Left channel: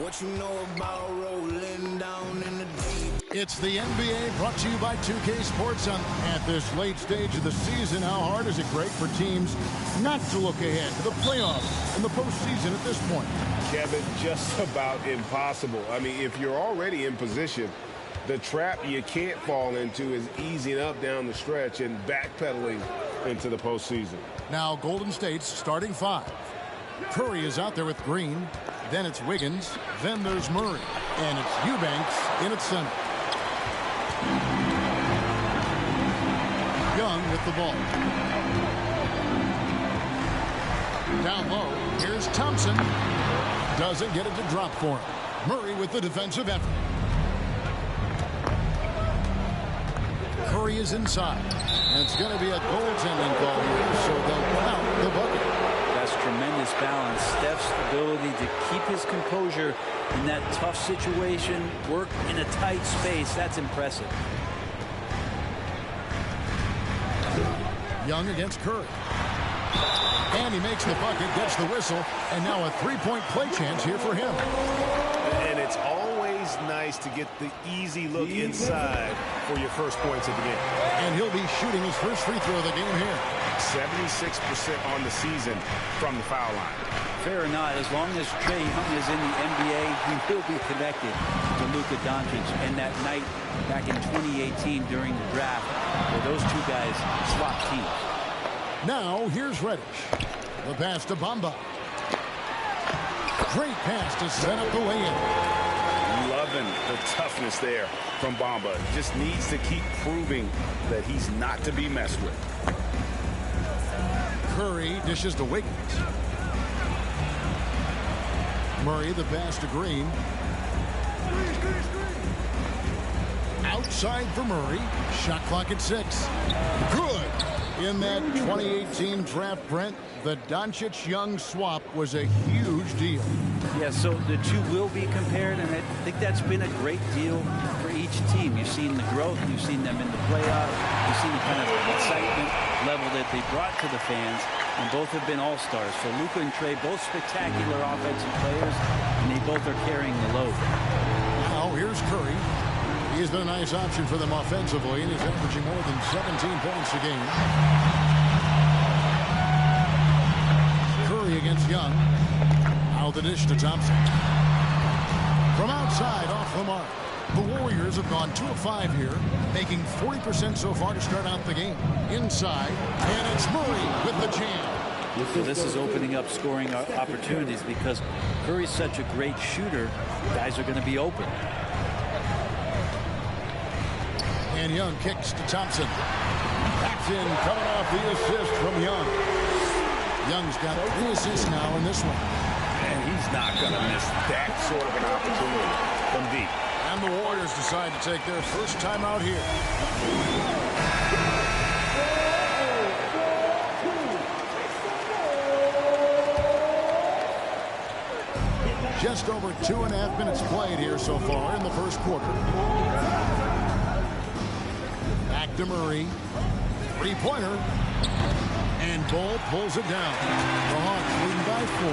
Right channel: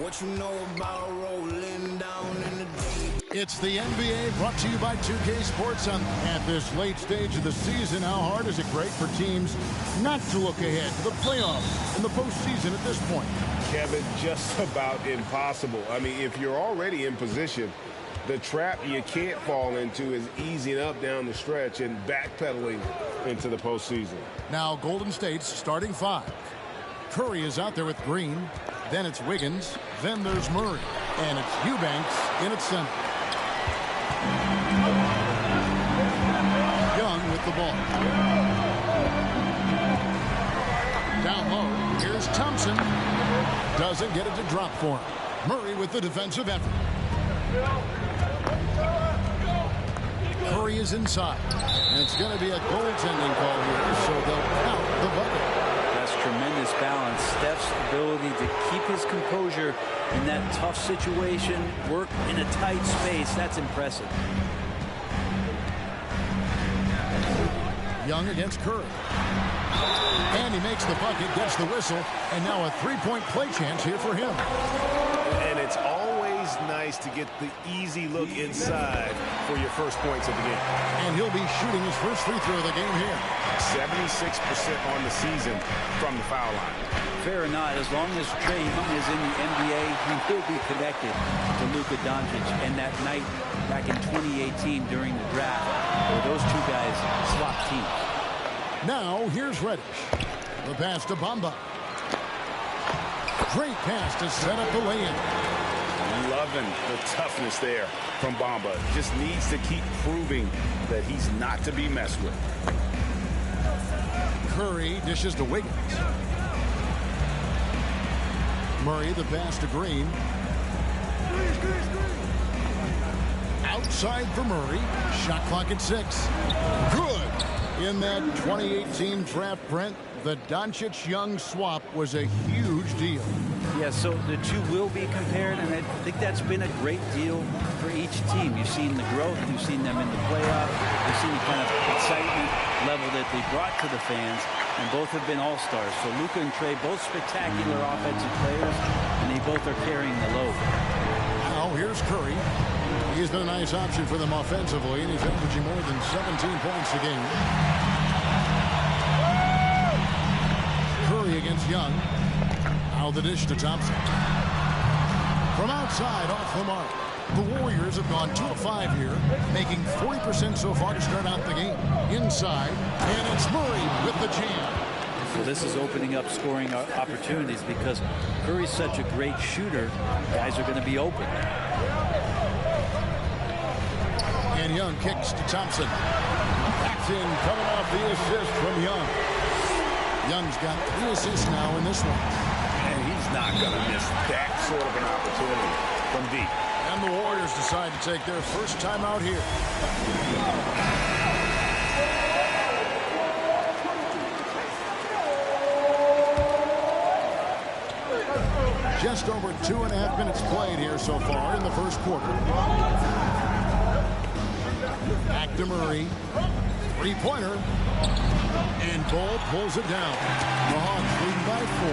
What you know about rolling down in the deep? It's the NBA brought to you by 2K Sports. At this late stage of the season, how hard is it great for teams not to look ahead to the playoffs and the postseason at this point? Kevin, just about impossible. I mean, if you're already in position, the trap you can't fall into is easing up down the stretch and backpedaling into the postseason. Now, Golden State's starting five. Curry is out there with Green. Then it's Wiggins. Then there's Murray. And it's Eubanks in its center. Young with the ball. Down low, here's Thompson. Doesn't get it to drop for him. Murray with the defensive effort. Curry is inside. And it's going to be a goaltending call here, so they'll count the bucket. That's tremendous balance. Steph's ability to keep his composure in that tough situation, work in a tight space, that's impressive. Young against Curry. And he makes the bucket, gets the whistle, and now a three-point play chance here for him. And it's always nice to get the easy look inside for your first points of the game. And he'll be shooting his first free throw of the game here. 76% on the season from the foul line. Fair or not, as long as Trae Young is in the NBA, he will be connected to Luka Doncic. And that night back in 2018 during the draft, where those two guys swapped teams. Now, here's Reddish. The pass to Bamba. Great pass to set up the lay-in. Loving the toughness there from Bamba. Just needs to keep proving that he's not to be messed with. Curry dishes to Wiggins. Murray, the pass to Green. Outside for Murray. Shot clock at 6. Good. In that 2018 draft, Brent, the Doncic-Young swap was a huge deal. Yeah, so the two will be compared, and I think that's been a great deal for each team. You've seen the growth, you've seen them in the playoffs, you've seen the kind of excitement level that they brought to the fans, and both have been all-stars. So Luka and Trae, both spectacular offensive players, and they both are carrying the load. Now here's Curry. He's been a nice option for them offensively, and he's averaging more than 17 points a game. Curry against Young. Now the dish to Thompson. From outside, off the mark. The Warriors have gone 2 of 5 here, making 40% so far to start out the game. Inside, and it's Murray with the jam. So this is opening up scoring opportunities because Curry's such a great shooter. Guys are going to be open. And Young kicks to Thompson. Paxton coming off the assist from Young. Young's got 3 assists now in this one. And he's not going to miss that sort of an opportunity from deep. And the Warriors decide to take their first time out here. Just over 2.5 minutes played here so far in the first quarter. Back to Murray. Three-pointer. And Bull pulls it down. The Hawks leading by 4.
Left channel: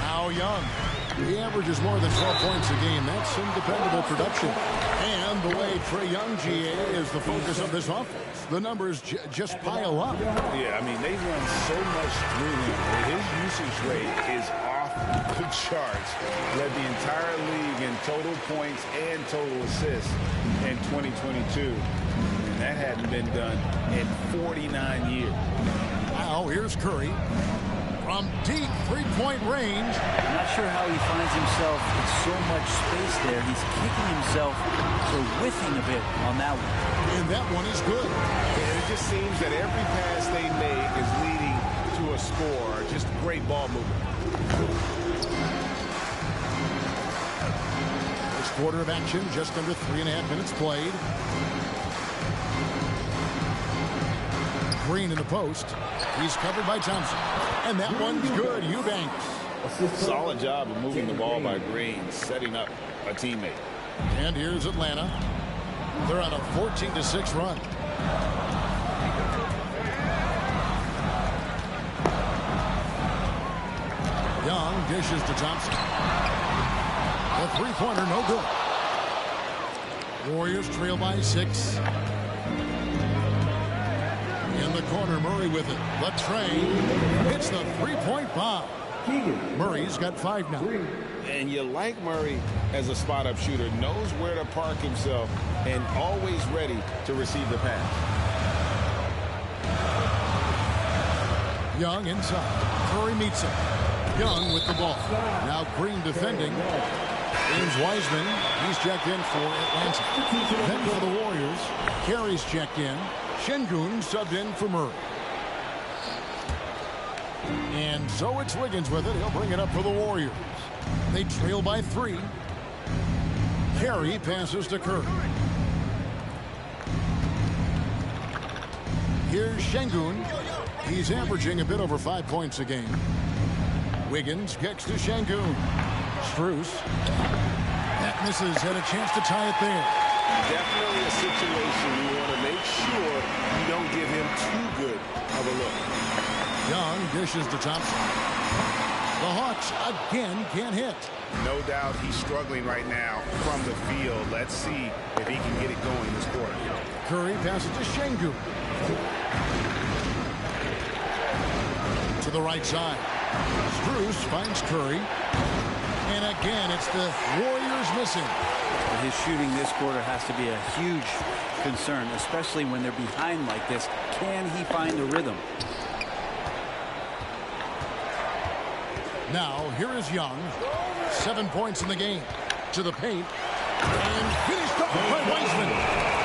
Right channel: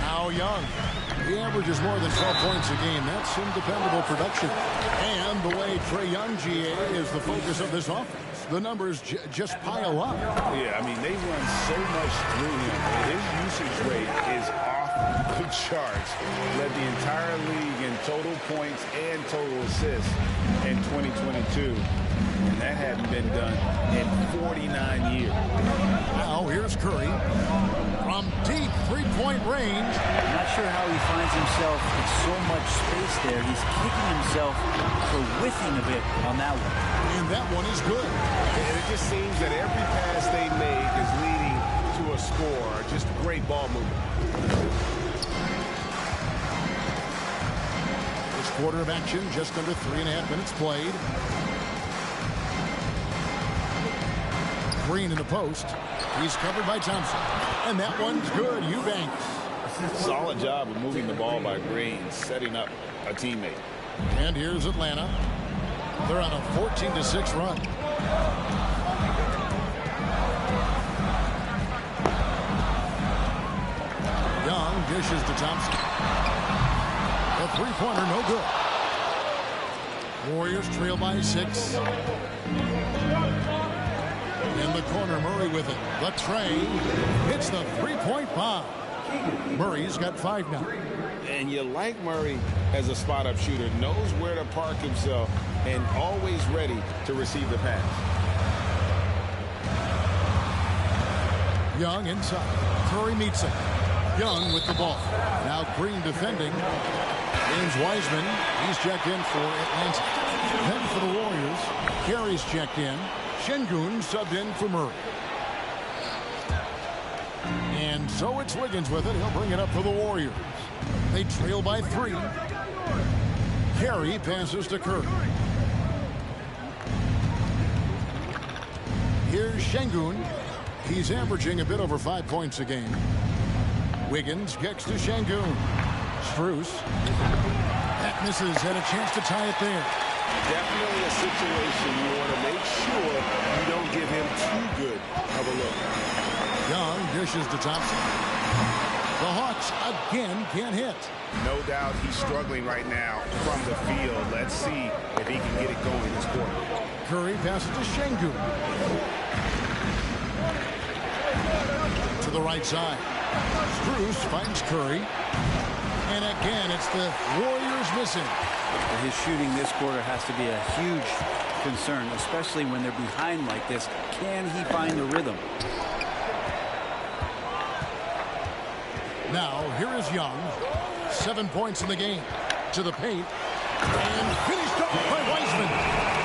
Now Young. He averages more than 12 points a game. That's some dependable production. And the way Trae Young, GA, is the focus of this offense. The numbers just pile up. Yeah, I mean, they run so much through him. His usage rate is off the charts. Led the entire league in total points and total assists in 2022. And that hadn't been done in 49 years. Now here's Curry. From deep three-point range. I'm not sure how he finds himself in so much space there. He's kicking himself for whiffing a bit on that one. And that one is good. And it just seems that every pass they make is leading to a score. Just great ball movement. This quarter of action, just under 3.5 minutes played. Green in the post. He's covered by Thompson. And that one's good. Eubanks. Solid job of moving the ball by Green, setting up a teammate. And here's Atlanta. They're on a 14-6 run. Young dishes to Thompson. The three-pointer, no good. Warriors trail by 6. In the corner, Murray with it. The train hits the three-point bomb. Murray's got 5 now. And you like Murray as a spot-up shooter. Knows where to park himself and always ready to receive the pass. Young inside. Curry meets him. Young with the ball. Now Green defending. James Wiseman, he's checked in for Atlanta. Then for the Warriors, Carey's checked in. Şengün subbed in for Murray. And so it's Wiggins with it. He'll bring it up for the Warriors. They trail by 3. Carey passes to Curry. Here's Şengün. He's averaging a bit over 5 points a game. Wiggins gets to Şengün. Strus. That misses. Had a chance to tie it there. Definitely a situation you want to make sure you don't give him too good of a look. Young dishes to Thompson. The Hawks again can't hit. No doubt he's struggling right now from the field. Let's see if he can get it going this quarter. Curry passes to Şengün. To the right side. Strus finds Curry. And again, it's the Warriors missing. His shooting this quarter has to be a huge concern, especially when they're behind like this. Can he find the rhythm? Now, here is Young. 7 points in the game. To the paint. And finished off by Wiseman.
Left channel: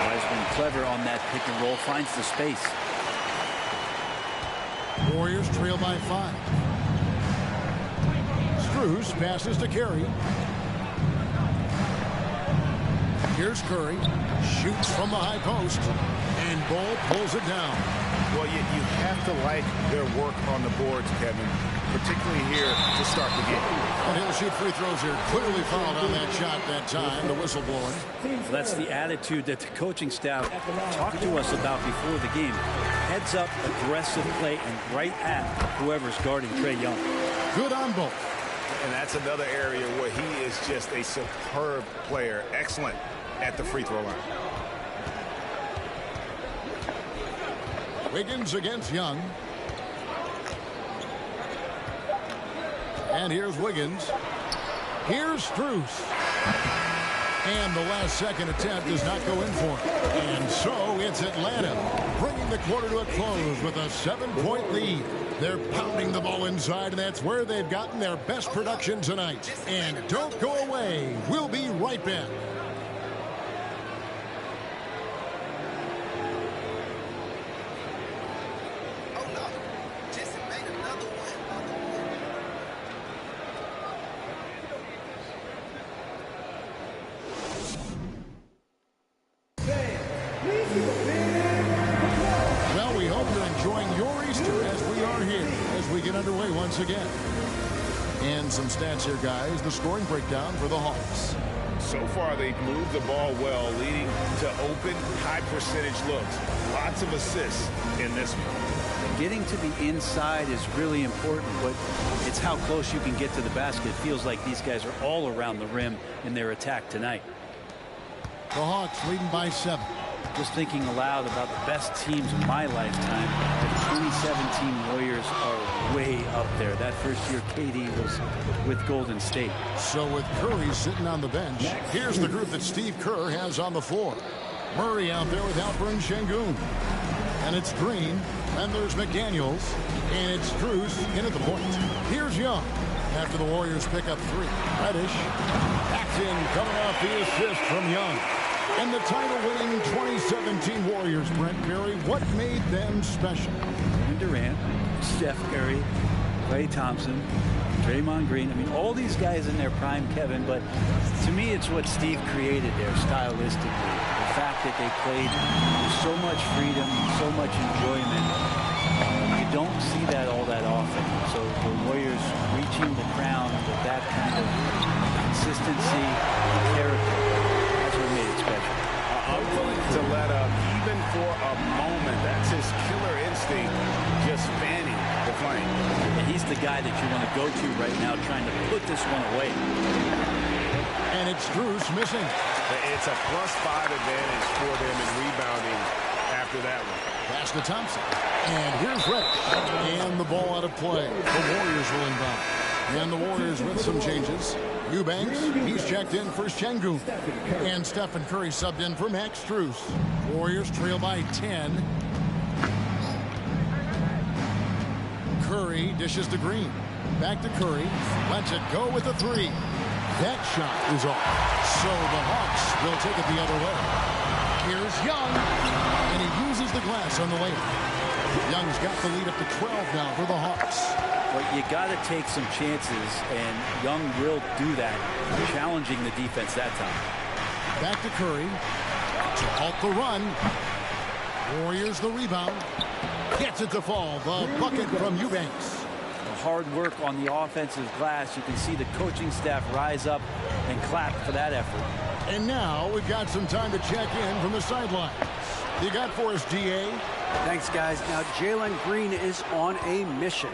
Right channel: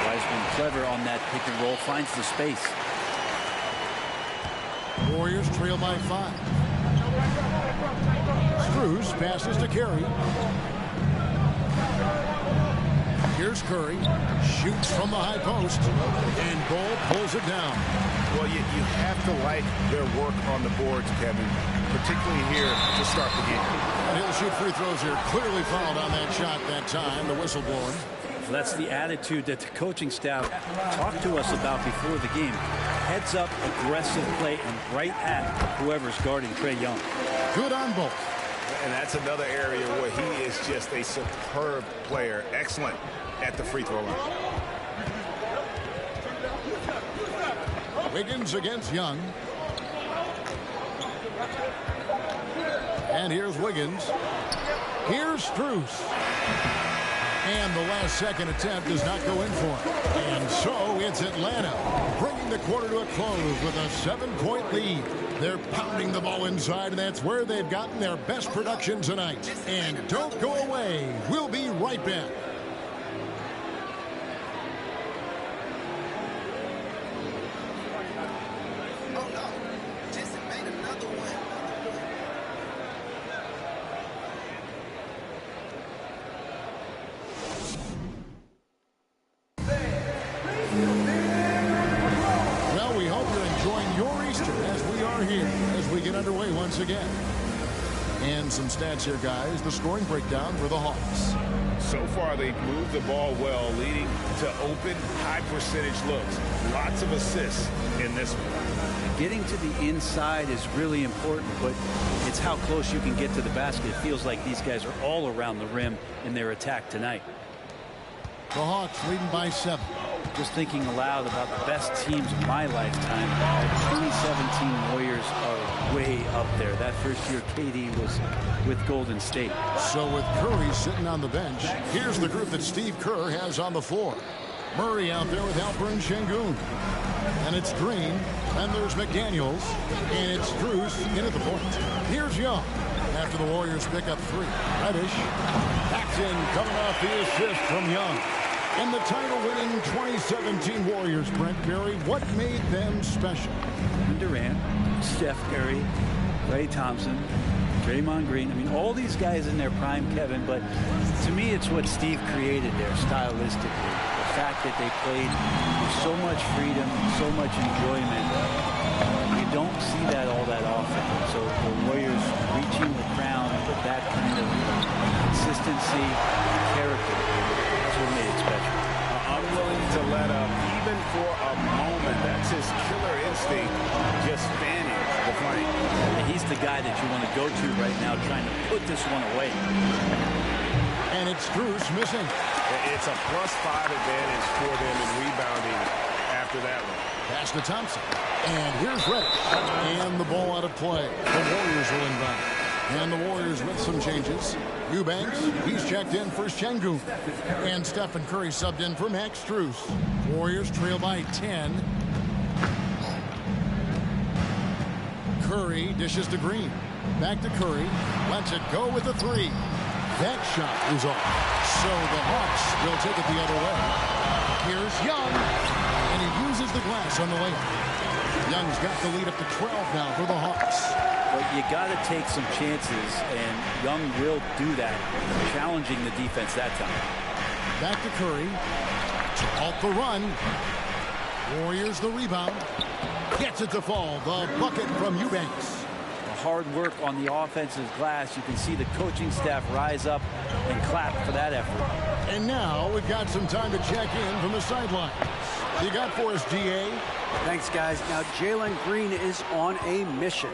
Wiseman clever on that pick and roll. Finds the space. Warriors trail by 5. Strus passes to Carey. Here's Curry. Shoots from the high post. And Ball pulls it down. Well, you have to like their work on the boards, Kevin, particularly here to start the game. And he'll shoot free throws here. Clearly fouled on that shot that time. The whistle blowing. Well, that's the attitude that the coaching staff talked to us about before the game. Heads up, aggressive play, and right at whoever's guarding Trae Young. Good on both. And that's another area where he is just a superb player. Excellent at the free throw line. Wiggins against Young. And here's Wiggins. Here's Strus. And the last second attempt does not go in for him. And so it's Atlanta bringing the quarter to a close with a 7-point lead. They're pounding the ball inside, and that's where they've gotten their best production tonight. And don't go away. We'll be right back. Oh no, Jason made another one. Well, we hope you're enjoying your Easter as we are here as we get underway once again. And some stats here, guys. The scoring breakdown for the Hawks. So far, they've moved the ball well, leading to open, high-percentage looks. Lots of assists in this one. Getting to the inside is really important, but it's how close you can get to the basket. It feels like these guys are all around the rim in their attack tonight. The Hawks leading by 7. Just thinking aloud about the best teams of my lifetime, the 2017 Warriors are way up there. That first year KD was with Golden State. So with Curry sitting on the bench, here's the group that Steve Kerr has on the floor. Murray out there with Alperen Şengün. And it's Green. And there's McDaniels. And it's Strus in at the point. Here's Young. After the Warriors pick up 3. Reddish. Backs in, coming off the assist from Young. And the title-winning 2017 Warriors, Brent Barry, what made them special? Kevin Durant, Steph Curry, Klay Thompson, Draymond Green. I mean, all these guys in their prime, Kevin, but to me, it's what Steve created there stylistically. The fact that they played with so much freedom, so much enjoyment. You don't see that all that often. So the Warriors reaching the crown with that kind of consistency and character. That's what made it special. unwilling to let up even for a moment. That's his killer instinct, just fanning the flank. And he's the guy that you want to go to right now, trying to put this one away. And it's Strus missing. It's a +5 advantage for them in rebounding after that one. Pass to Thompson. And here's Reddish. And the ball out of play. The Warriors will inbound. And the Warriors with some changes. Eubanks, he's checked in for Şengün. And Stephen Curry subbed in for Max Strus. Warriors trail by 10. Curry dishes to Green. Back to Curry. Lets it go with a three. That shot is off. So the Hawks will take it the other way. Here's Young. And he uses the glass on the layup. Young's got the lead up to 12 now for the Hawks. But you got to take some chances, and Young will do that, challenging the defense that time. Back to Curry to halt the run. Warriors the rebound. Gets it to fall. The bucket from Eubanks. The hard work on the offensive glass. You can see the coaching staff rise up and clap for that effort. And now we've got some time to check in from the sidelines. You got for us, GA? Thanks, guys. Now, Jalen Green is on a mission.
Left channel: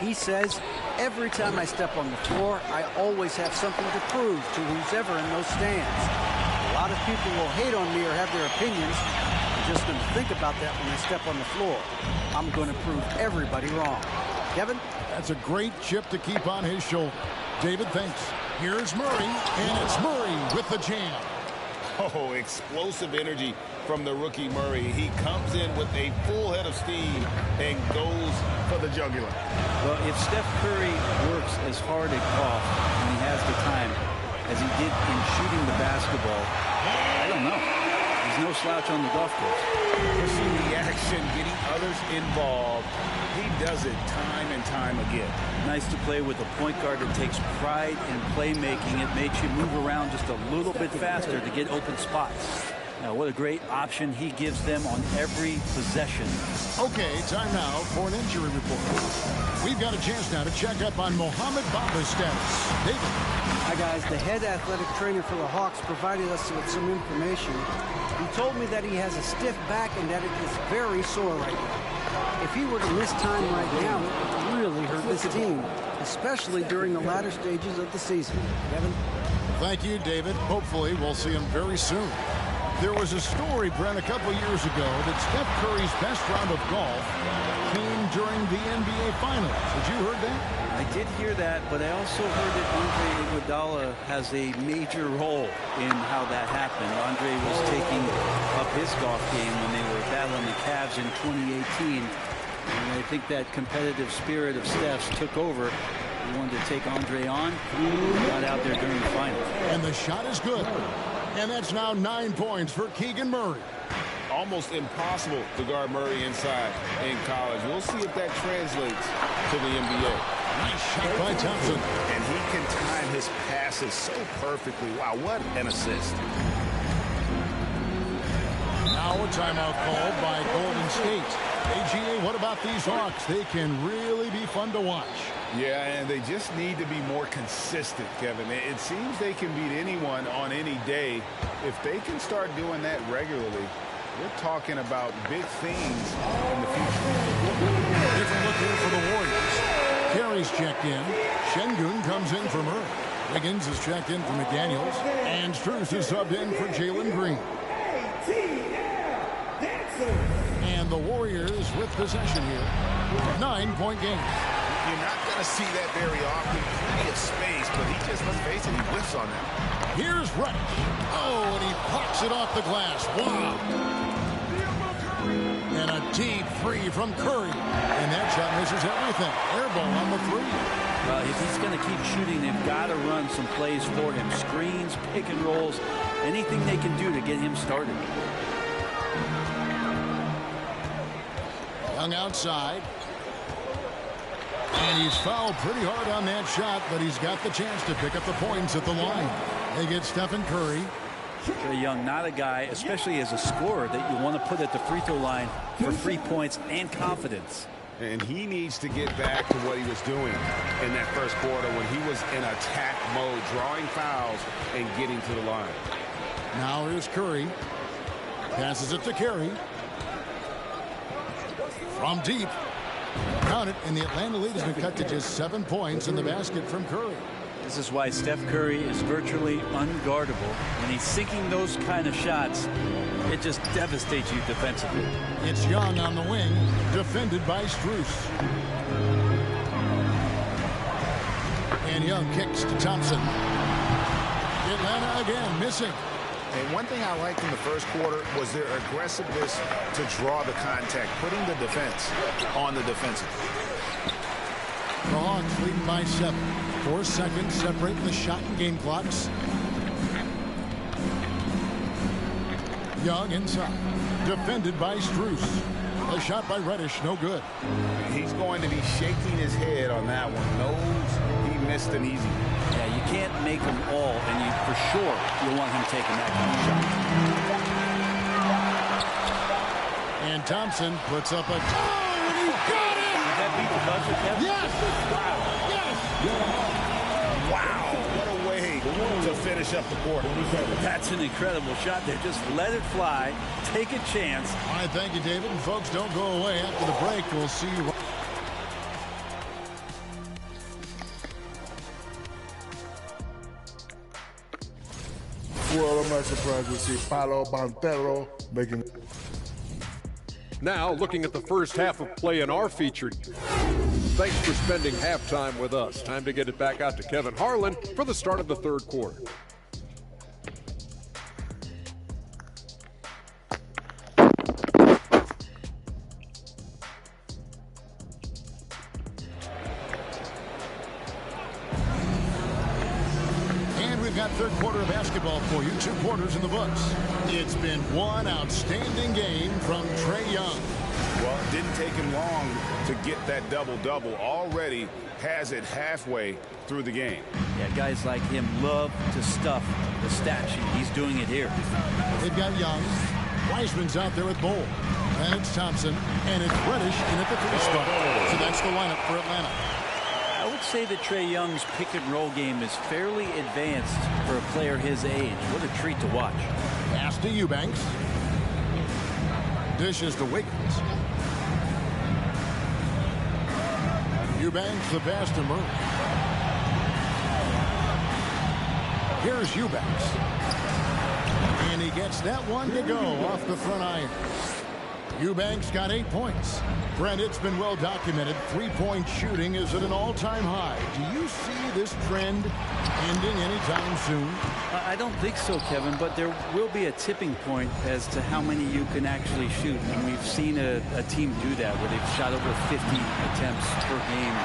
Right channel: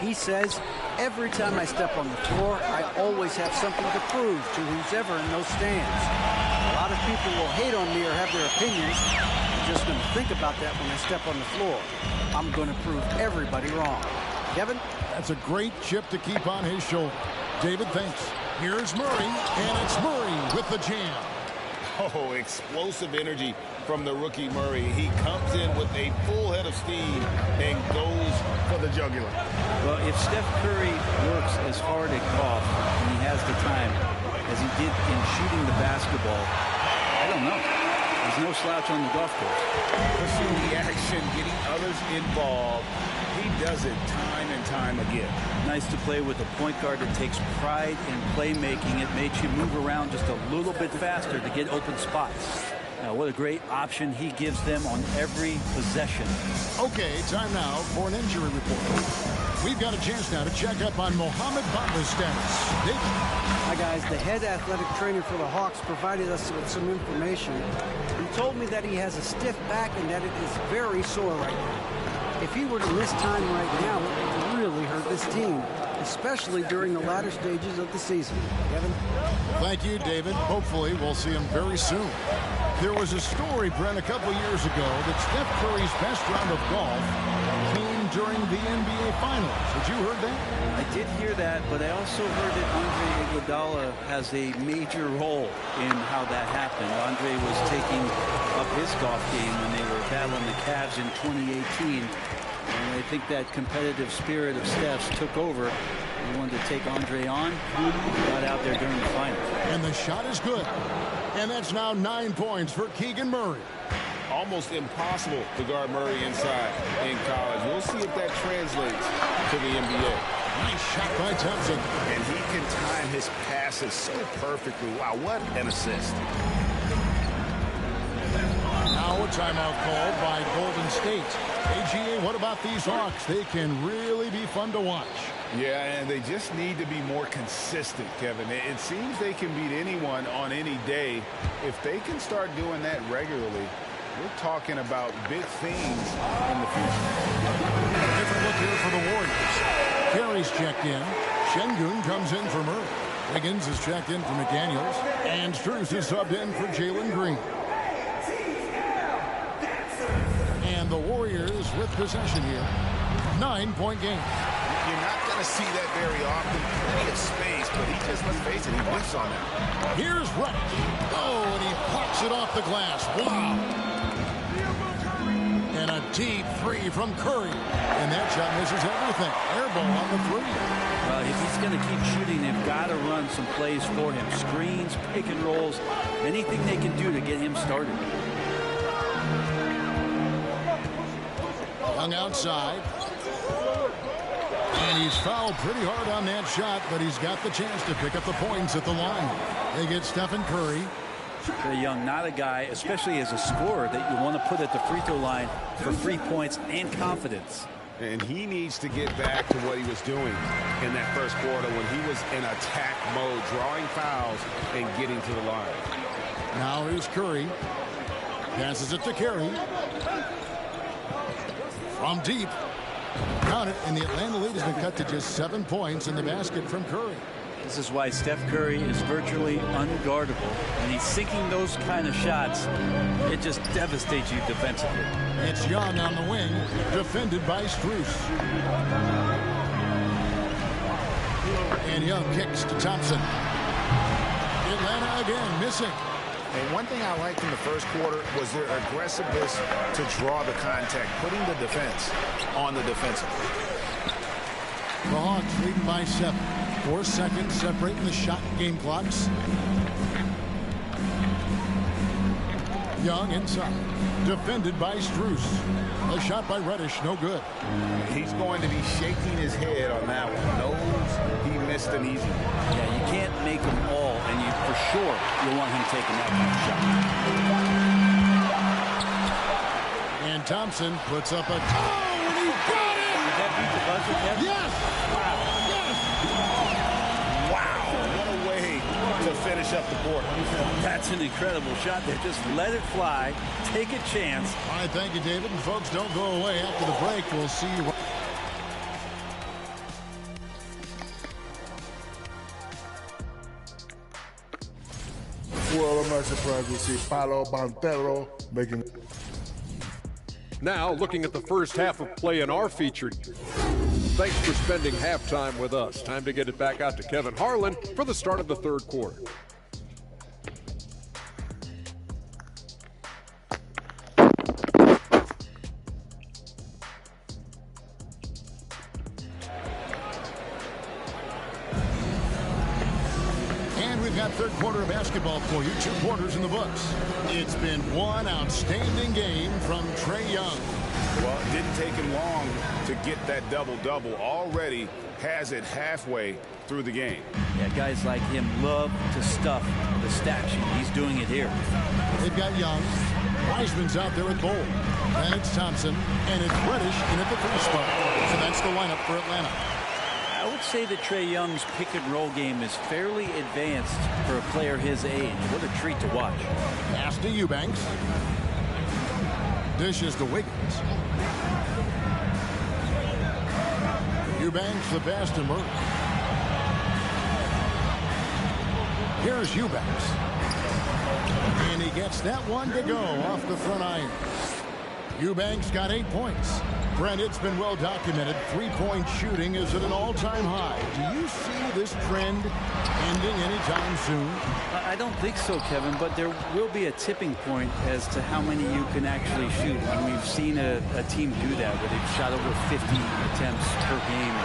He says, every time I step on the floor, I always have something to prove to who's ever in those stands. A lot of people will hate on me or have their opinions. I'm just going to think about that when I step on the floor. I'm going to prove everybody wrong. Kevin? That's a great chip to keep on his shoulder. David, thanks. Here's Murray, and it's Murray with the jam. Oh, explosive energy from the rookie Murray. He comes in with a full head of steam and goes for the jugular. Well, if Steph Curry works as hard at golf when he has the time as he did in shooting the basketball, I don't know. He's no slouch on the golf course. Pushing the action, getting others involved. He does it time and time again. Nice to play with a point guard that takes pride in playmaking. It makes you move around just a little bit faster to get open spots. Now, what a great option he gives them on every possession. Okay, time now for an injury report. We've got a chance now to check up on Mohamed Bamba's status. David. Hi, guys. The head athletic trainer for the Hawks provided us with some information. He told me that he has a stiff back and that it is very sore right now. If he were to miss time right now, it would really hurt this team, especially during the latter stages of the season. Kevin? Thank you, David. Hopefully, we'll see him very soon. There was a story, Brent, a couple years ago that Steph Curry's best round of golf came during the NBA Finals. Had you heard that? I did hear that, but I also heard that Andre Iguodala has a major role in how that happened. Andre was taking up his golf game when they were battling the Cavs in 2018. And I think that competitive spirit of Steph's took over. He wanted to take Andre on. He got out there during the finals. And the shot is good. And that's now 9 points for Keegan Murray. Almost impossible to guard Murray inside in college. We'll see if that translates to the NBA. Nice shot by Thompson. And he can time his passes so perfectly. Wow, what an assist. Now a timeout called by Golden State. AGA, what about these Hawks? They can really be fun to watch. Yeah, and they just need to be more consistent, Kevin. It seems they can beat anyone on any day. If they can start doing that regularly, we're talking about big things in the future. A different look here for the Warriors. Carey's checked in. Şengün comes in for Murray. Wiggins is checked in for McDaniels. And Strus is subbed in for Jalen Green. And the Warriors with possession here. 9-point game. You're not going to see that very often. Plenty of space, but he just, let's face it, he whiffs on them. Here's Reddish. Oh, and he plucks it off the glass. Wow. And a deep three from Curry. And that shot misses everything. Air ball on the three. If he's going to keep shooting, they've got to run some plays for him. Screens, pick and rolls, anything they can do to get him started. Young outside. And he's fouled pretty hard on that shot, but he's got the chance to pick up the points at the line. They get Stephen Curry. Trae Young, not a guy, especially as a scorer, that you want to put at the free throw line for free points and confidence. And he needs to get back to what he was doing in that first quarter when he was in attack mode, drawing fouls and getting to the line. Now here's Curry. Passes it to Curry. From deep. Count it, and the Atlanta lead has been cut to just 7 points in the basket from Curry. This is why Steph Curry is virtually unguardable. When he's sinking those kind of shots, it just devastates you defensively. It's Young on the wing, defended by Strus. And Young kicks to Thompson. Atlanta again missing. And one thing I liked in the first quarter was their aggressiveness to draw the contact, putting the defense on the defensive. The Hawks leading by 7. 4 seconds separating the shot and game clocks. Young inside. Defended by Strus. A shot by Reddish, no good. He's going to be shaking his head on that one. Knows he missed an easy one. Yeah, you can't make them all, and you for sure you'll want him taking that kind of shot. And Thompson puts up a toe, and he got it! Did that beat the buzzer, Kevin? Yes! Wow. Yes! Wow, what a way to finish up the quarter. That's an incredible shot there. Just let it fly. Take a chance. All right, thank you, David. And folks, don't go away. After the break, we'll see you. Well, I'm not surprised to see Paolo Banchero making. Now, looking at the first half of play in our featured. Thanks for spending halftime with us. Time to get it back out to Kevin Harlan for the start of the third quarter. We've got third quarter of basketball for you. 2 quarters in the books. It's been one outstanding game from Trae Young. Well, it didn't take him long to get that double-double. Already has it halfway through the game. Yeah, guys like him love to stuff the stat sheet. He's doing it here. They've got Young. Wiseman's out there with Bol. And it's Thompson. And it's Reddish in at the 3 spot. So that's the lineup for Atlanta. I would say that Trae Young's pick-and-roll game is fairly advanced for a player his age. What a treat to watch. Pass to Eubanks. Dishes to Wiggins. Eubanks the pass to Murray. Here's Eubanks. And he gets that one to go off the front iron. Eubanks got 8 points. Brent, it's been well documented. 3-point shooting is at an all-time high. Do you see this trend ending anytime soon? I don't think so, Kevin, but there will be a tipping point as to how many you can actually shoot. And we've seen a team do that where they've shot over 50 attempts per game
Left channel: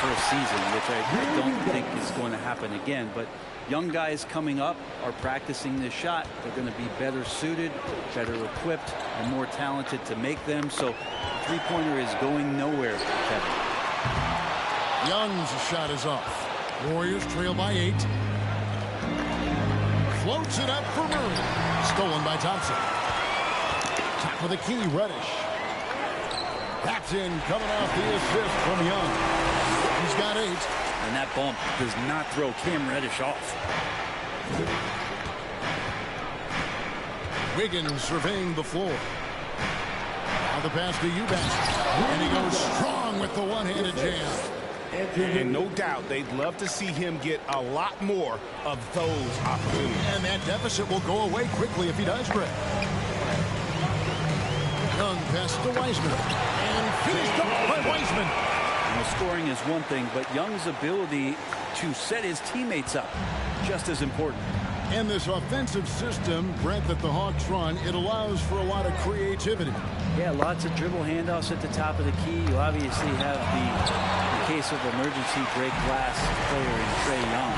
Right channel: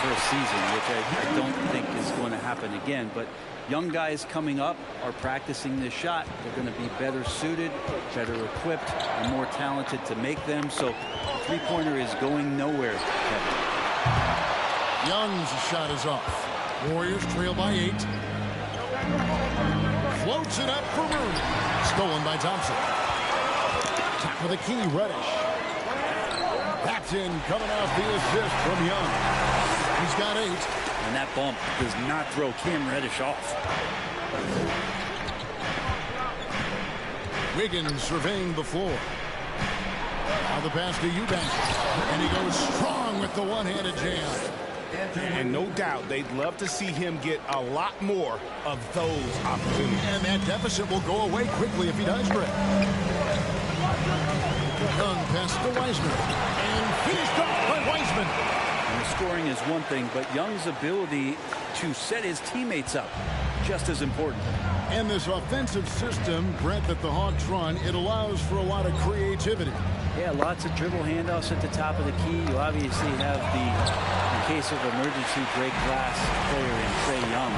for a season, which I don't think is going to happen again. But young guys coming up are practicing this shot. They're going to be better suited, better equipped, and more talented to make them. So the three-pointer is going nowhere, Kevin. Young's shot is off. Warriors trail by 8. Floats it up for Murray. Stolen by Thompson. Top of the key, Reddish. That's in, coming off the assist from Young. He's got 8. And that bump does not throw Cam Reddish off. Wiggins surveying the floor. Now the pass to Eubanks. And he goes strong with the one-handed jam. And no doubt they'd love to see him get a lot more of those opportunities. And that deficit will go away quickly if he does, Greg. Young pass to Wiseman. And finished off by Wiseman. And the scoring is one thing, but Young's ability to set his teammates up, just as important. And this offensive system, Brent, that the Hawks run, it allows for a lot of creativity. Yeah, lots of dribble handoffs at the top of the key. You obviously have the, in case of emergency, break glass player in Trae Young.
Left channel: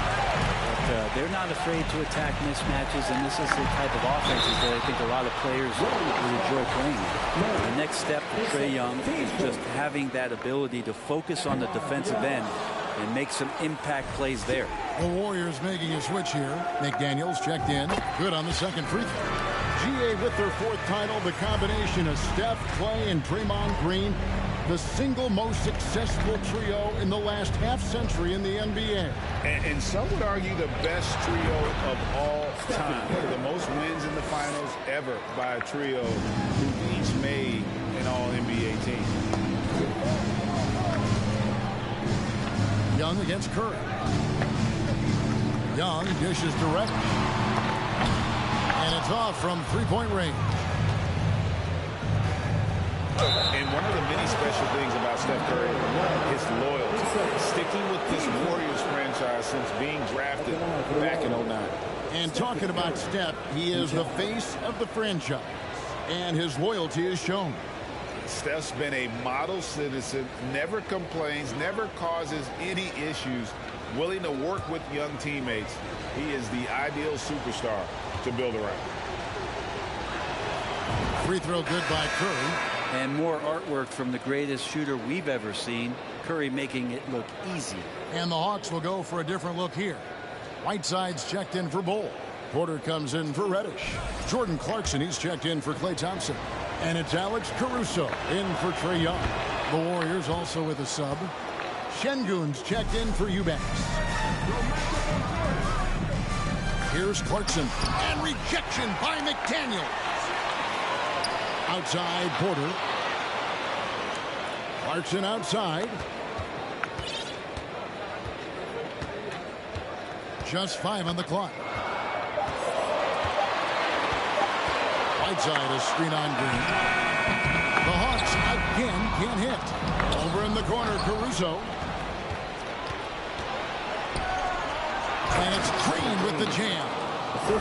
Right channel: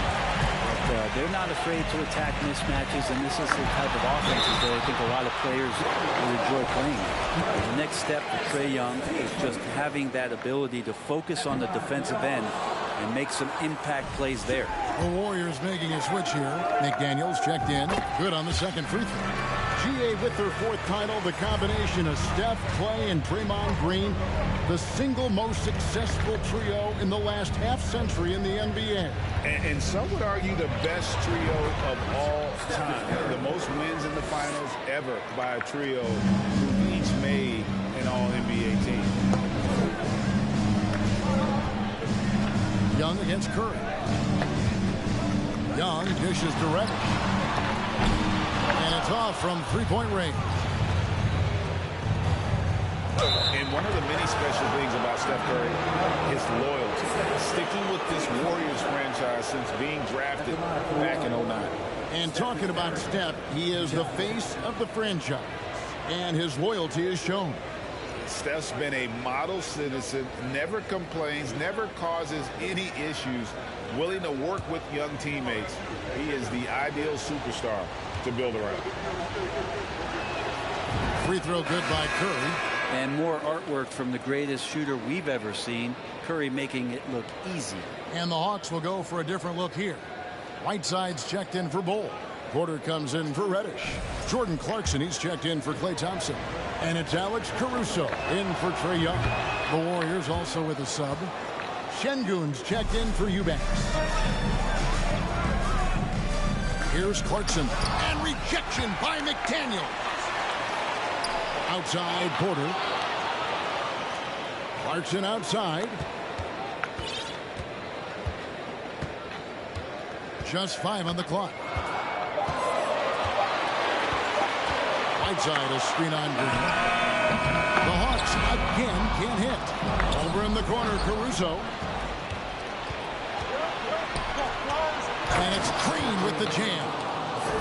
But they're not afraid to attack mismatches, and this is the type of offenses that I think a lot of players would enjoy playing. The next step for Trae Young is just having that ability to focus on the defensive end and make some impact plays there. The Warriors making a switch here. McDaniels checked in. Good on the second free throw. GA with their 4th title, the combination of Steph, Clay, and Draymond Green, the single most successful trio in the last half-century in the NBA. And some would argue the best trio of all time. The most wins in the finals ever by a trio who each made an all-NBA team. Young against Curry. Young dishes to Reddish. And it's off from three-point range. And one of the many special things about Steph Curry, his loyalty. Sticking with this Warriors franchise since being drafted back in 09. And talking about Steph, he is the face of the franchise. And his loyalty is shown. Steph's been a model citizen, never complains, never causes any issues, willing to work with young teammates. He is the ideal superstar to build around. Free throw good by Curry. And more artwork from the greatest shooter we've ever seen. Curry making it look easy. And the Hawks will go for a different look here. Whiteside's checked in for Bol. Porter comes in for Reddish. Jordan Clarkson, he's checked in for Klay Thompson. And it's Alex Caruso in for Trae Young. The Warriors also with a sub. Şengün's checked in for Eubanks. Here's Clarkson. And rejection by McDaniels. Outside Porter. Clarkson outside. Just 5 on the clock. Whiteside, a screen on Green. The Hawks again can't hit. Over in the corner, Caruso. And it's Green with the jam.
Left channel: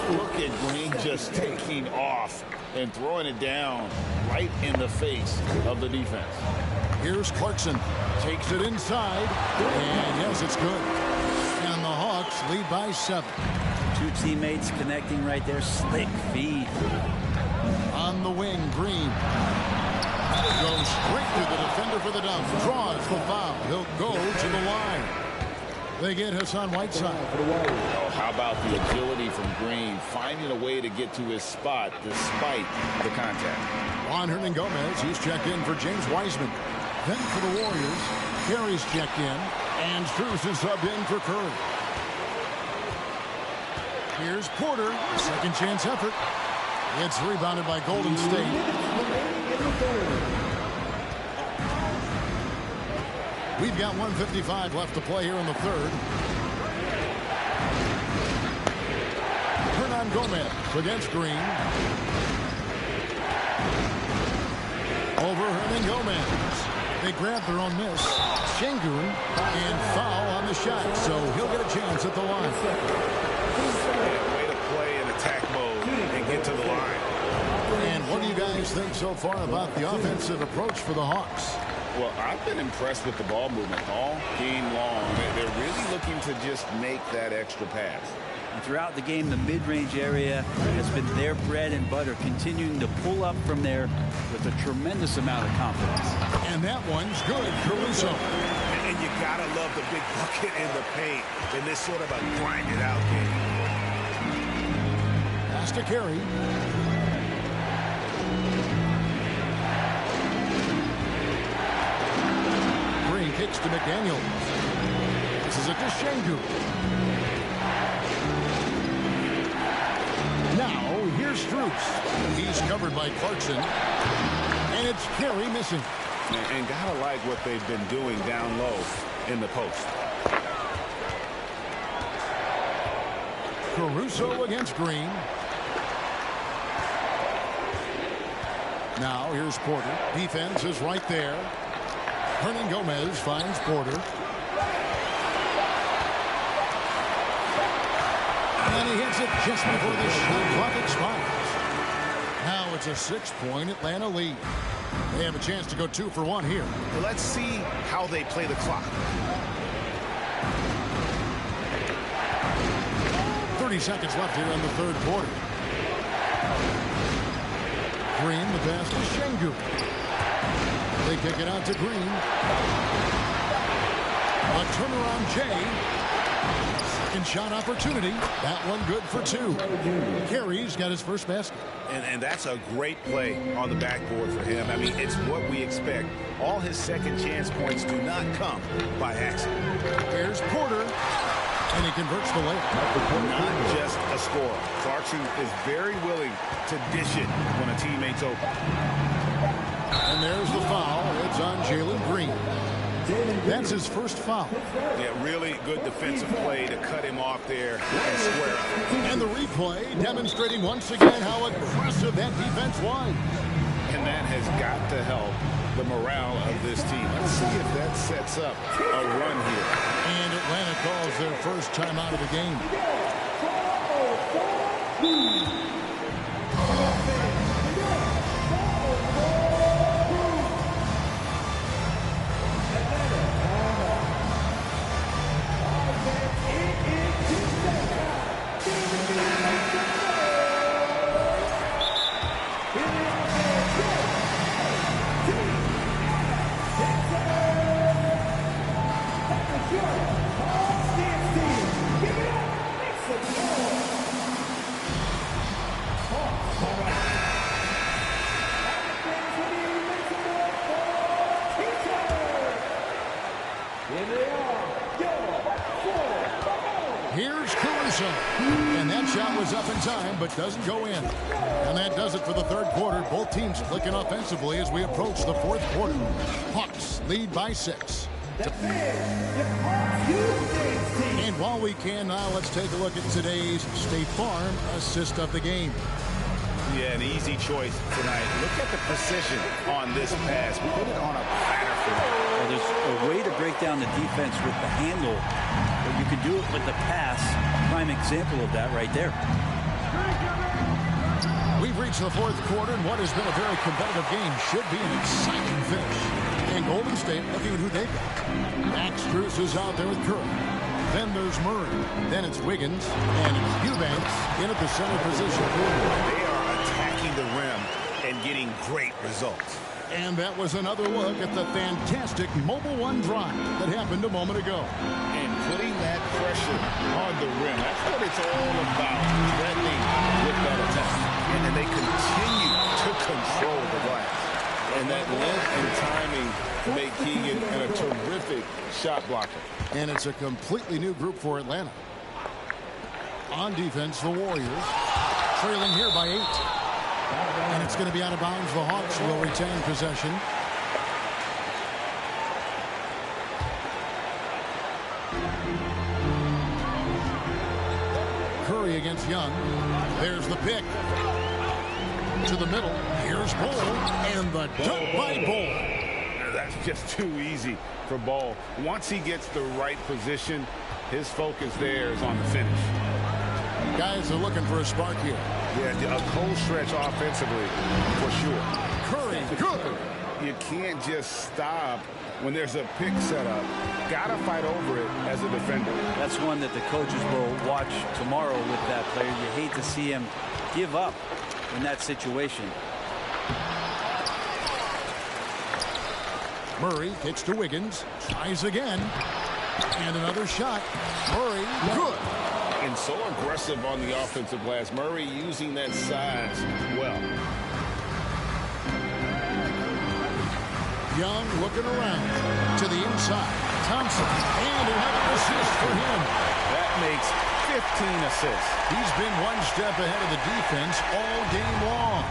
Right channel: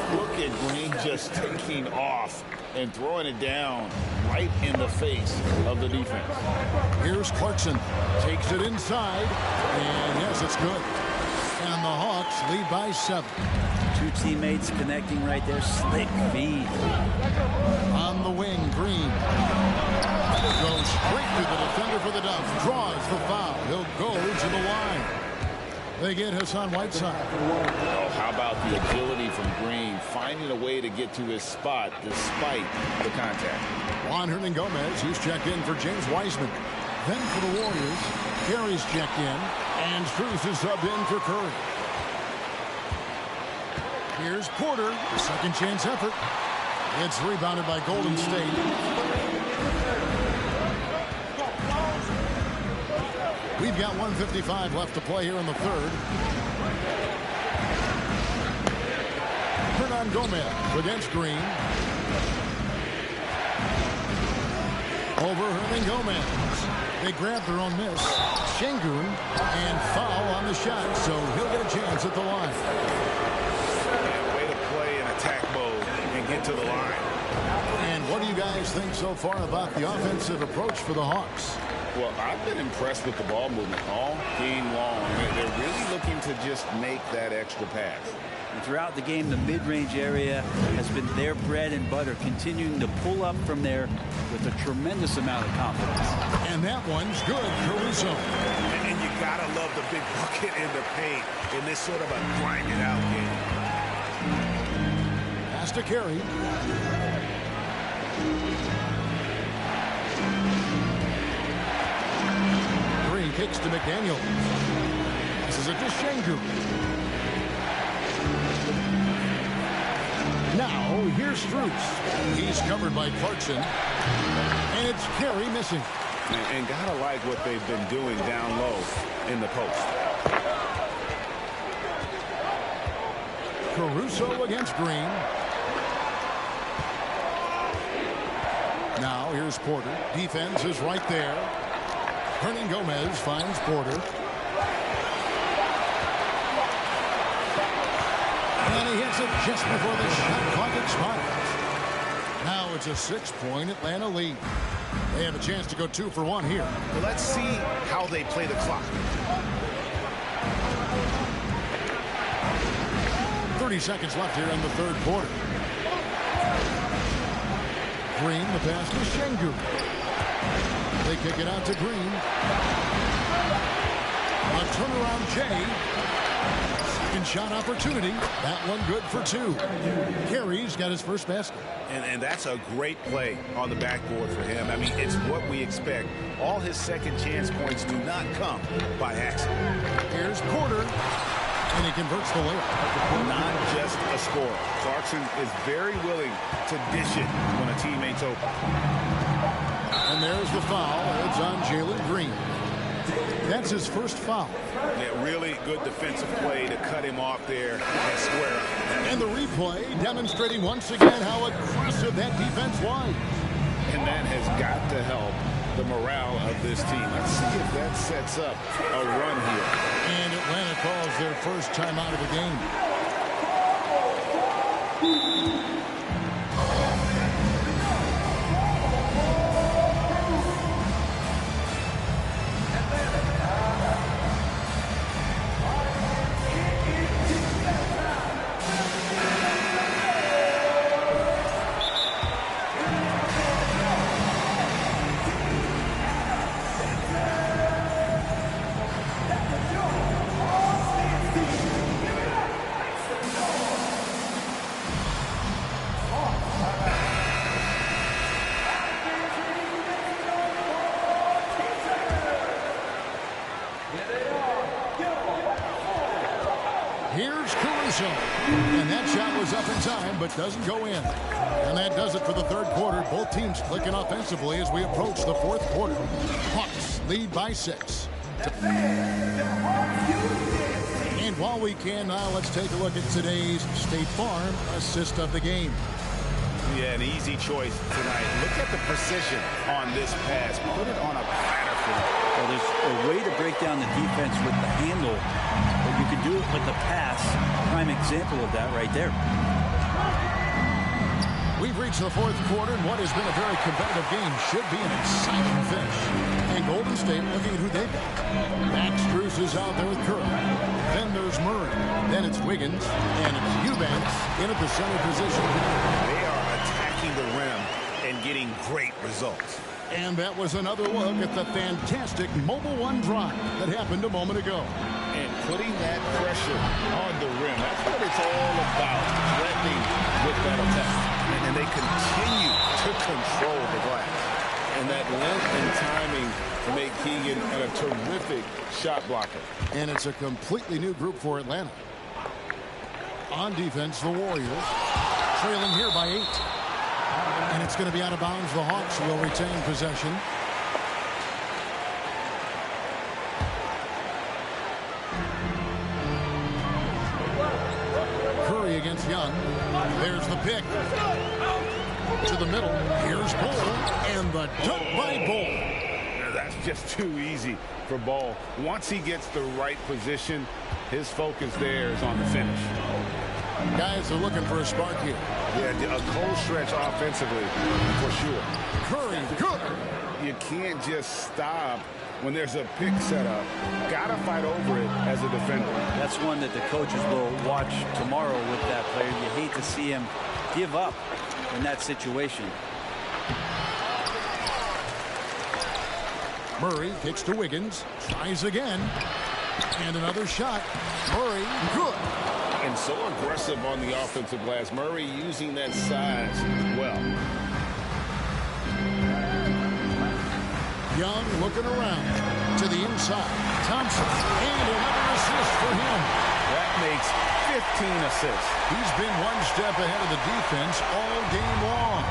Look at Green just taking off and throwing it down right in the face of the defense. Here's Clarkson. Takes it inside. And yes, it's good. And the Hawks lead by 7. Two teammates connecting right there. Slick feed. On the wing, Green. Goes straight through the defender for the dunk. Draws the foul. He'll go to the line. They get Hassan Whiteside. Oh, how about the agility from Green, finding a way to get to his spot despite the contact. Juan Hernangomez, he's checked in for James Wiseman. Then for the Warriors, Carey's checked in, and Strus is subbed in for Curry. Here's Porter, second chance effort. It's rebounded by Golden State. We've got 1:55 left to play here in the third. Hernangomez against Green. Over Hernangomez. They grab their own miss. Şengün and foul on the shot, so he'll get a chance at the line. Yeah, way to play in attack mode and get to the line. And what do you guys think so far about the offensive approach for the Hawks? Well, I've been impressed with the ball movement all game long. They're really looking to just make that extra pass. And throughout the game, the mid-range area has been their bread and butter, continuing to pull up from there with a tremendous amount of confidence. And that one's good, Caruso. And you gotta love the big bucket in the paint in this sort of a grind-it-out game. Pass to Carey. Green kicks to McDaniels. Passes it to Şengün. Now, here's Strus. He's covered by Clarkson. And it's Carey missing. And gotta like what they've been doing down low in the post. Caruso against Green. Now, here's Porter. Defense is right there. Hernangomez finds Porter. And he hits it just before the shot clock expires. Now it's a 6-point Atlanta lead. They have a chance to go 2 for 1 here. Well, let's see how they play the clock. 30 seconds left here in the third quarter. Green, the pass to Şengün. They kick it out to Green. A turnaround Jay. Second shot opportunity. That one good for 2. Carey's got his first basket. And that's a great play on the backboard for him. I mean, it's what we expect. All his second chance points do not come by accident. Here's Porter, and he converts the layup. Not just a scorer. Clarkson is very willing to dish it when a teammate's open. And there's the foul. It's on Jalen Green. That's his first foul. Yeah, really good defensive play to cut him off there and square up. And the replay demonstrating once again how aggressive that defense was. And that has got to help the morale of this team. Let's see if that sets up a run here. And Atlanta calls their first timeout of the game. Here's Caruso. And that shot was up in time, but doesn't go in. And that does it for the third quarter. Both teams clicking offensively as we approach the fourth quarter. Hawks lead by 6. And while we can now, let's take a look at today's State Farm assist of the game. Yeah, an easy choice tonight. Look at the precision on this pass. Put it on a platter for him. Well, there's a way to break down the defense with the handle, but you can do it with the pass. Prime example of that right there. We've reached the fourth quarter, and what has been a very competitive game should be an exciting finish. And Golden State looking at who they've got. Max Strus is out there with Curry. Then there's Murray. Then it's Wiggins. And it's Eubanks in at the center position. They are attacking the rim and getting great results. And that was another look at the fantastic Mobile One drive that happened a moment ago. And putting that pressure on the rim. That's what it's all about. Threatening with that attack. And they continue to control the glass. And that length and timing make Keegan a terrific shot blocker. And it's a completely new group for Atlanta. On defense, the Warriors trailing here by 8. And it's going to be out of bounds. The Hawks will retain possession. Curry against Young. There's the pick. To the middle. Here's Bol. And the dunk by Bol. That's just too easy for Bol. Once he gets the right position, his focus there is on the finish. Guys are looking for a spark here. Yeah, a cold stretch offensively for sure. Curry, good. You can't just stop when there's a pick set up. Gotta fight over it as a defender. That's one that the coaches will watch tomorrow with that player. You hate to see him give up in that situation. Murray kicks to Wiggins. Tries again. And another shot. Murray, good. And so aggressive on the offensive glass. Murray using that size well. Young looking around to the inside. Thompson, and another assist for him. That makes 15 assists. He's been one step ahead of the defense all game long.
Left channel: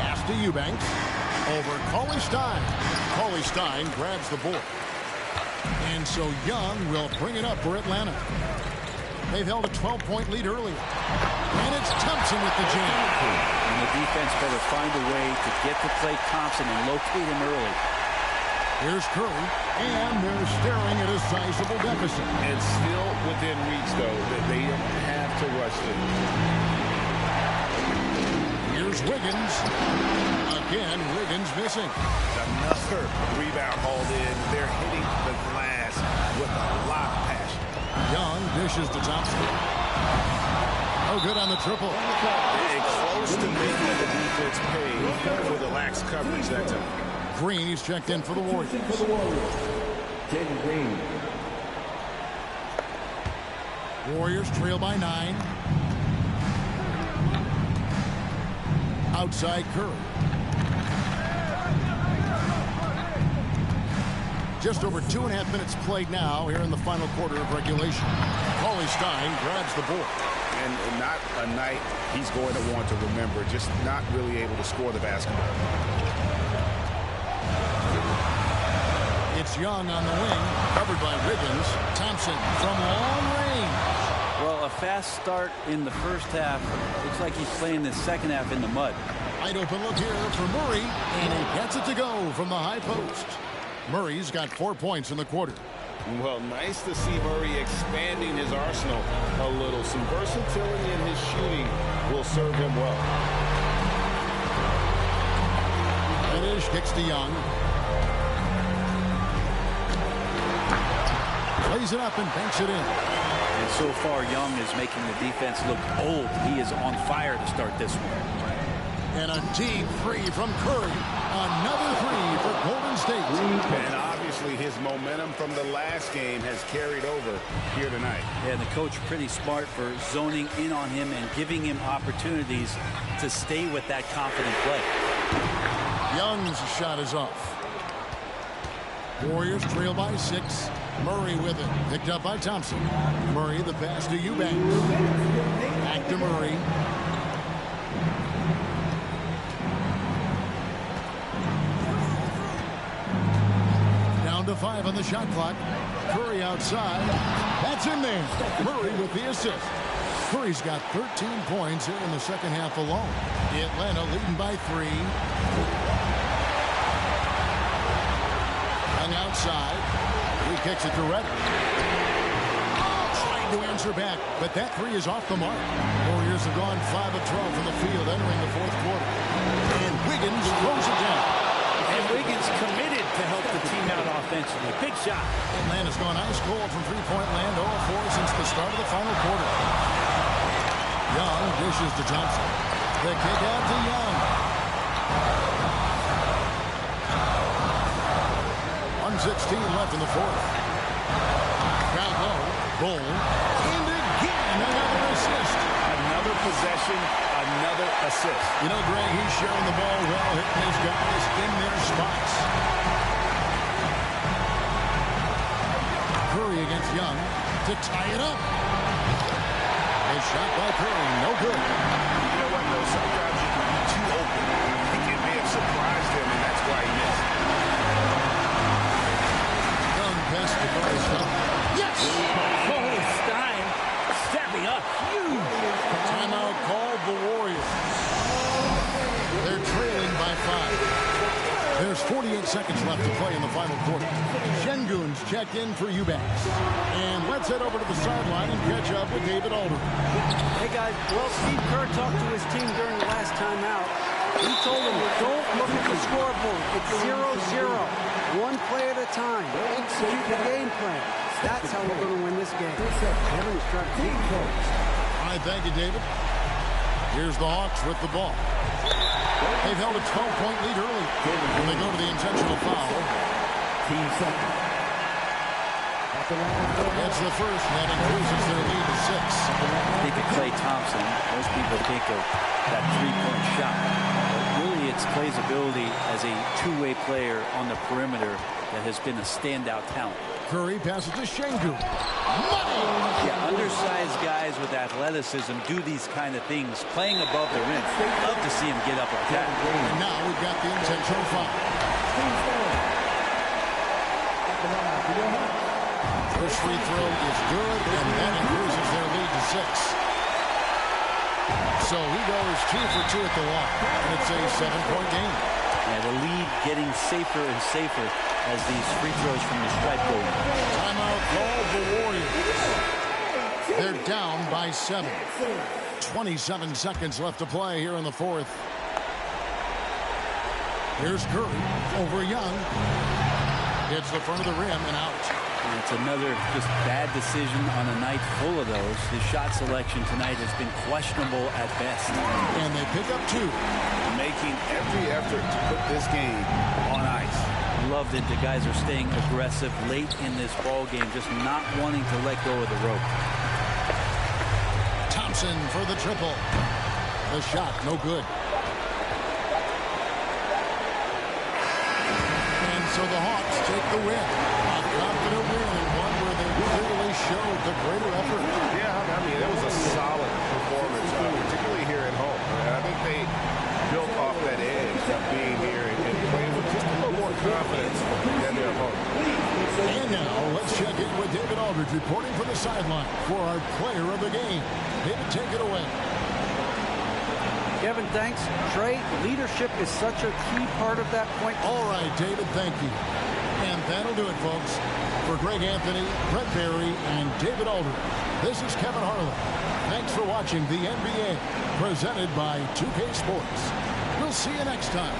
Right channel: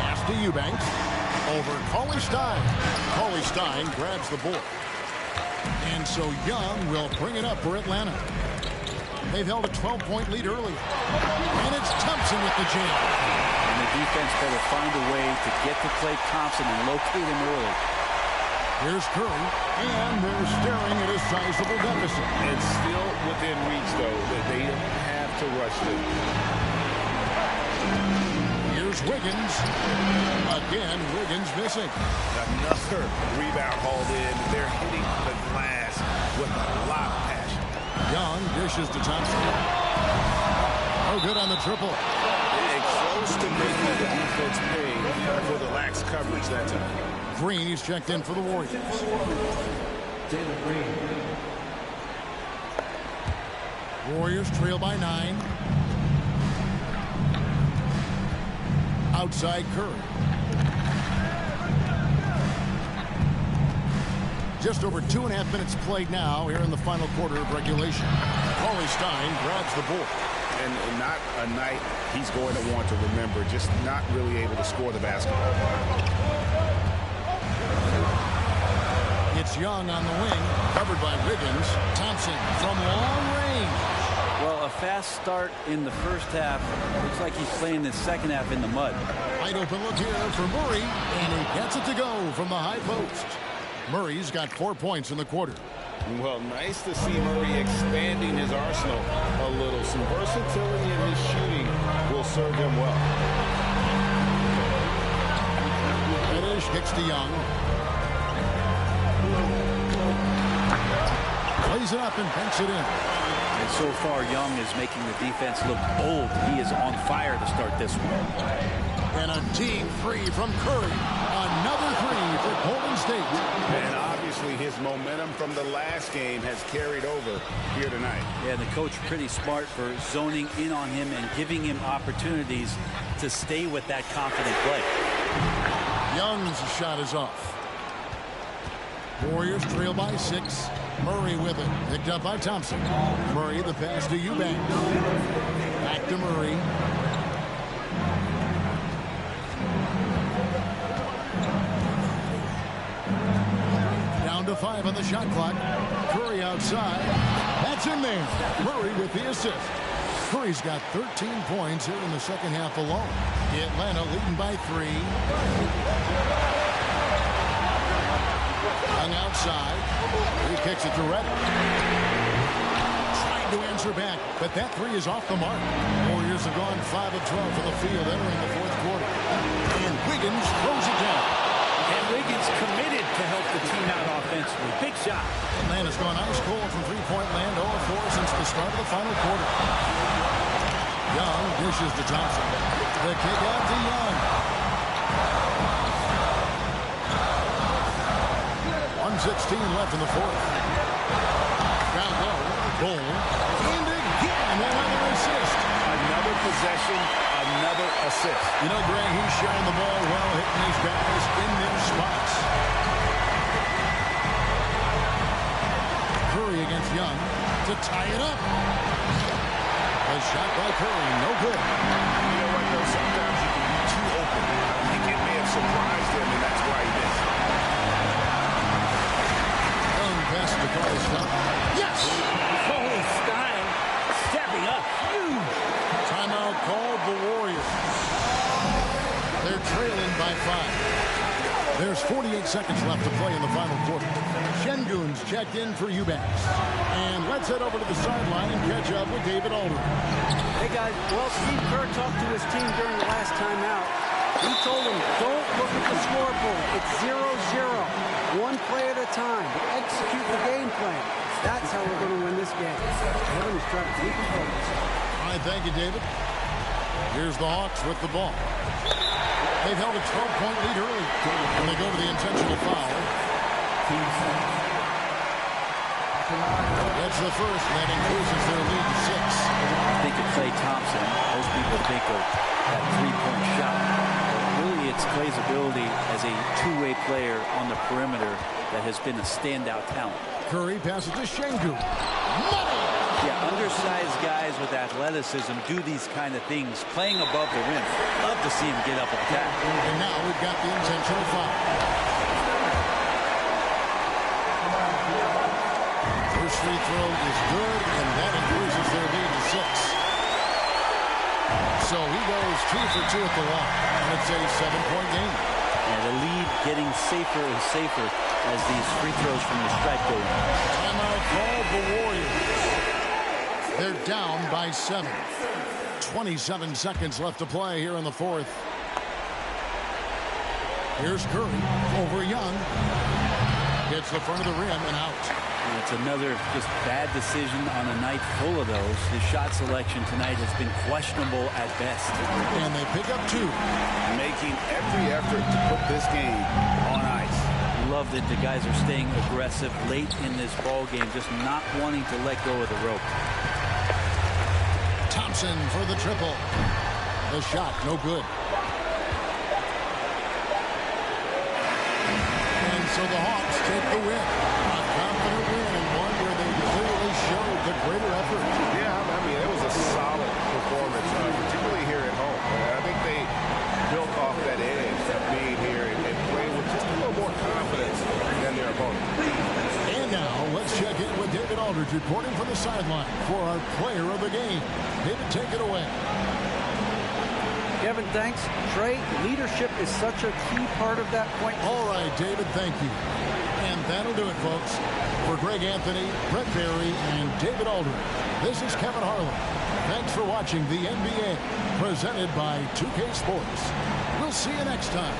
Pass to Eubanks. Over Cauley-Stein. Cauley-Stein grabs the board. And so Young will bring it up for Atlanta. They've held a 12-point lead earlier. And it's Thompson with the jam. And the defense better find a way to get to Klay Thompson and locate him early. Here's Curry, and they're staring at a sizable deficit. It's still within reach, though, that they don't have to rush them. Here's Wiggins. Again, Wiggins missing. Another rebound hauled in. They're hitting the glass with a lot of passion. Young dishes to Thompson. Oh, good on the triple. Close to making the defense pay for the lax coverage that time. Green, he's checked in for the Warriors. Jalen Green. Warriors trail by 9. Outside Curry. Just over 2.5 minutes played now here in the final quarter of regulation. Cauley Stein grabs the board. And not a night he's going to want to remember, just not really able to score the basketball. It's Young on the wing, covered by Wiggins. Thompson from long range. Well, a fast start in the first half. Looks like he's playing the second half in the mud. Wide open look here for Murray, and he gets it to go from the high post. Murray's got 4 points in the quarter. Well, nice to see Murray expanding his arsenal a little. Some versatility in his shooting will serve him well. Reddish kicks to Young. Plays it up and banks it in. And so far, Young is making the defense look old. He is on fire to start this one. And a deep three from Curry. Another three for Golden State. And obviously his momentum from the last game has carried over here tonight. Yeah, the coach pretty smart for zoning in on him and giving him opportunities to stay with that confident play. Young's shot is off. Warriors trail by 6. Murray with it. Picked up by Thompson. Murray the pass to Eubanks. Back to Murray. Down to 5 on the shot clock. Curry outside. That's in there. Murray with the assist. Curry's got 13 points here in the second half alone. Atlanta leading by 3. Young outside. He kicks it to Reddish. Trying to answer back, but that 3 is off the mark. Warriors have gone 5 of 12 from the field entering the fourth quarter. And Wiggins throws it down. And Wiggins committed to help the team out offensively. Big shot. Atlanta's gone ice cold from three-point land, 0 of 4 since the start of the final quarter. Young dishes to Thompson. The kick out to Young. 1:16 left in the fourth. Crowd low. Bull. And again, another assist. Another possession, another assist. You know, Greg, he's sharing the ball well, hitting his guys in their spots. Curry against Young to tie it up. The shot by Curry, no good. You know what, though? Sometimes you can be too open. I think it may have surprised him, and that's why he missed. Young pass to Cauley Stein. Yes! Cauley Stein stepping up. Huge. Timeout called the Warriors. They're trailing by 5. There's 48 seconds left to play in the final quarter. Şengün's checked in for Eubanks. And let's head over to the sideline and catch up with David Aldridge. Hey, guys. Well, Steve Kerr talked to his team during the last timeout. He told them, don't look at the scoreboard. It's 0-0. One play at a time. Execute the game plan. That's how we're going to win this game. Kevin is trying to keep focused. All right, thank you, David. Here's the Hawks with the ball. They've held a 12-point lead early, and they go to the intentional foul. Gets the first, and that increases their lead to 6. Think of Klay Thompson. Most people think of that three-point shot. But really, it's Klay's ability as a two-way player on the perimeter that has been a standout talent. Curry passes to Şengün. Money! Yeah, undersized guys with athleticism do these kind of things, playing above the rim. Love to see him get up like that. And now we've got the intentional foul. First free throw is good, and that increases their lead to 6. So he goes 2 for 2 at the line, and it's a 7-point game. And the lead getting safer and safer as these free throws from the stripe go in. Timeout called the Warriors. They're down by 7. 27 seconds left to play here in the fourth. Here's Curry over Young. Hits the front of the rim and out. And it's another just bad decision on a night full of those. His shot selection tonight has been questionable at best. And they pick up 2. Making every effort to put this game on ice. Love that the guys are staying aggressive late in this ball game, just not wanting to let go of the rope. Thompson for the triple. The shot, no good. So the Hawks take the win. A confident win and one where they clearly showed the greater effort. Yeah, I mean, it was a solid performance, particularly here at home. I think they built off that edge of being here and playing with just a little more confidence than their opponent. And now let's check in with David Aldridge reporting from the sideline for our player of the game. David, take it away. Kevin, thanks. Trey, leadership is such a key part of that point. All right, David, thank you. And that'll do it, folks. For Greg Anthony, Brett Barry, and David Aldridge, this is Kevin Harlan. Thanks for watching the NBA, presented by 2K Sports. We'll see you next time.